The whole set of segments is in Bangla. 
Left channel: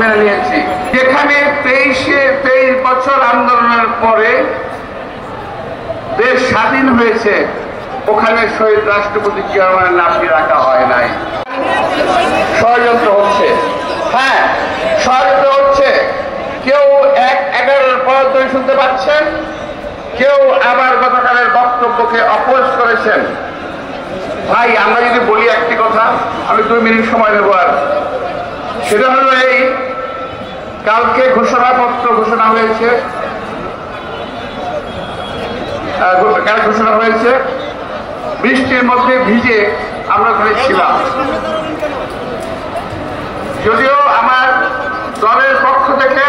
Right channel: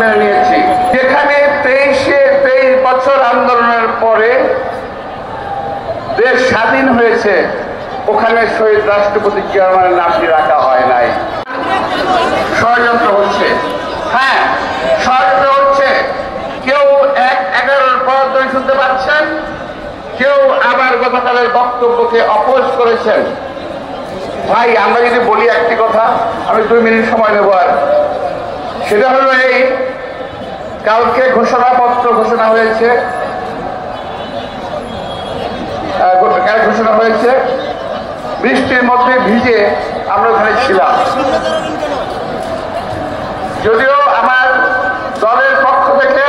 মেনে নিয়েছি। যেখানে 23 বছর আন্দোলনের পরে দেশ স্বাধীন হয়েছে, ওখানে শহীদ রাষ্ট্রপতি জিয়া রহমানের নামটি রাখা হয় নাই। ষড়যন্ত্র হচ্ছে, হ্যাঁ ষড়যন্ত্র হচ্ছে। কেউ 11-এর পর ধরে শুনতে পাচ্ছেন, কেউ আবার গতকালের বক্তব্যকে অপোজ করেছেন। ভাই আমরা যদি বলি একটি কথা, আমি 2 মিনিট সময় নেব, আর সেটা হলো এই, কালকে ঘোষণাপত্র ঘোষণা হয়েছে, বৃষ্টির মধ্যে ভিজে আমরা ওখানে ছিলাম। যদিও আমার দলের পক্ষ থেকে,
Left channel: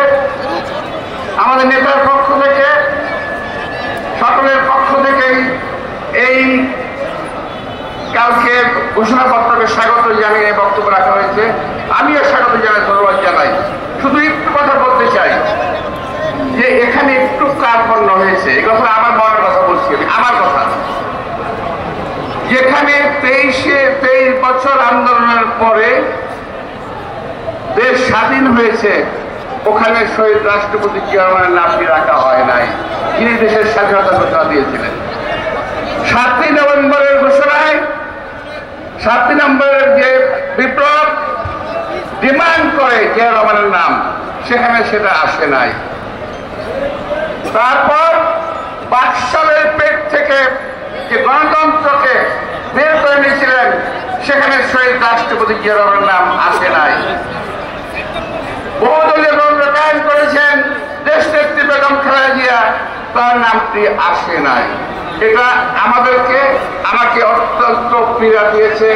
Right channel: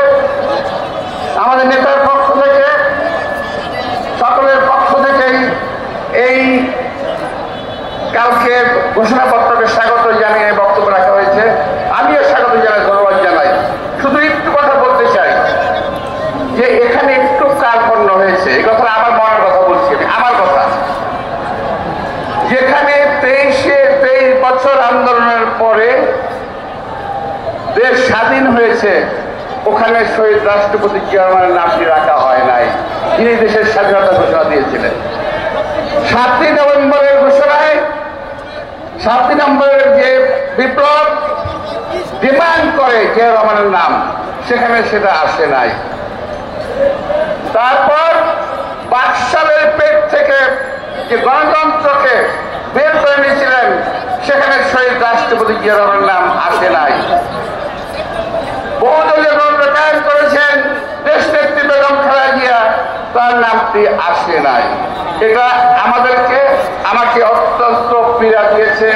আমাদের নেতার পক্ষ থেকে, সকলের পক্ষ থেকেই এই কালকে ঘোষণাপত্রকে স্বাগত জানিয়ে বক্তব্য রাখা হয়েছে। আমিও স্বাগত জানাই, ধন্যবাদ জানাই। শুধু একটু কথা বলতে চাই যে এখানে একটু কার্পণ্য হয়েছে। এই কথা আমার মনের কথা বলছি, আমার কথা। যেখানে 23 বছর আন্দোলনের পরে দেশ স্বাধীন হয়েছে, ওখানে শহীদ রাষ্ট্রপতি জিয়া রহমানের নামটি রাখা হয় নাই, যিনি দেশের স্বাধীনতা ঘোষণা দিয়েছিলেন। 7ই নভেম্বরের ঘোষণায়, 7ই নভেম্বরের যে বিপ্লব ডিমান্ড করে জিয়া রহমানের নাম, সেখানে সেটা আসে নাই। তারপর বাকশালের পেট থেকে যে গণতন্ত্রকে বের করে নিয়েছিলেন, সেখানে শহীদ রাষ্ট্রপতি জিয়া রহমানের নাম আসে নাই। বহুদলীয় গণতন্ত্র কায়েম করেছেন দেশনেত্রী বেগম খালেদা জিয়া, তার নামটি আসে নাই। এটা আমাকে অত্যন্ত পীড়া দিয়েছে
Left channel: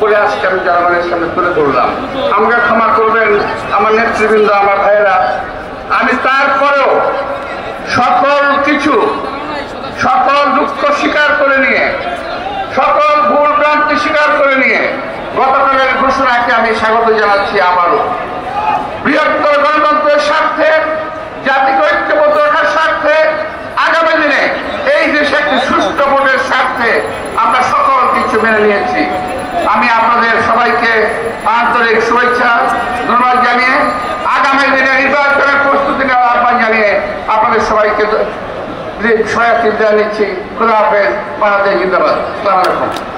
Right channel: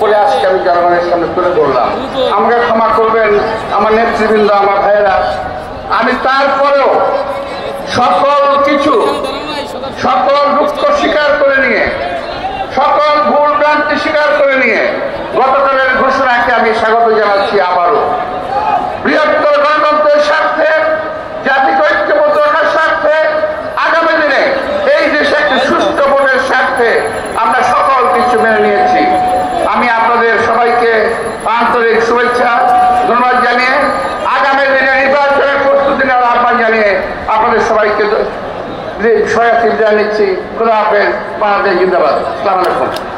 বলে আজকে আমি জনগণের সামনে তুলে ধরলাম। আমাকে ক্ষমা করবেন আমার নেতৃবৃন্দ, আমার ভাইয়েরা। আমি তারপরেও সকল দুঃখ স্বীকার করে নিয়ে, সকল ভুল ভ্রান্তি স্বীকার করে নিয়ে গতকালের ঘোষণাকে আমি স্বাগত জানাচ্ছি। আবারও বৃহত্তর গণতন্ত্রের স্বার্থে, জাতিকে ঐক্যবদ্ধ রাখার স্বার্থে, আগামী দিনে এই দেশে একটি সুষ্ঠু ভোটের স্বার্থে আমরা সকল কিছু মেনে নিয়েছি। আমি আপনাদের সবাইকে আন্তরিক শুভেচ্ছা ধন্যবাদ জানিয়ে, আগামী দিনে নির্বাচনের প্রস্তুতি নেওয়ার আহ্বান জানিয়ে আপনাদের সবাইকে সহায়তা নিচ্ছি। খোদা হাফেজ, বাংলাদেশ জিন্দাবাদ। আসসালামু আলাইকুম।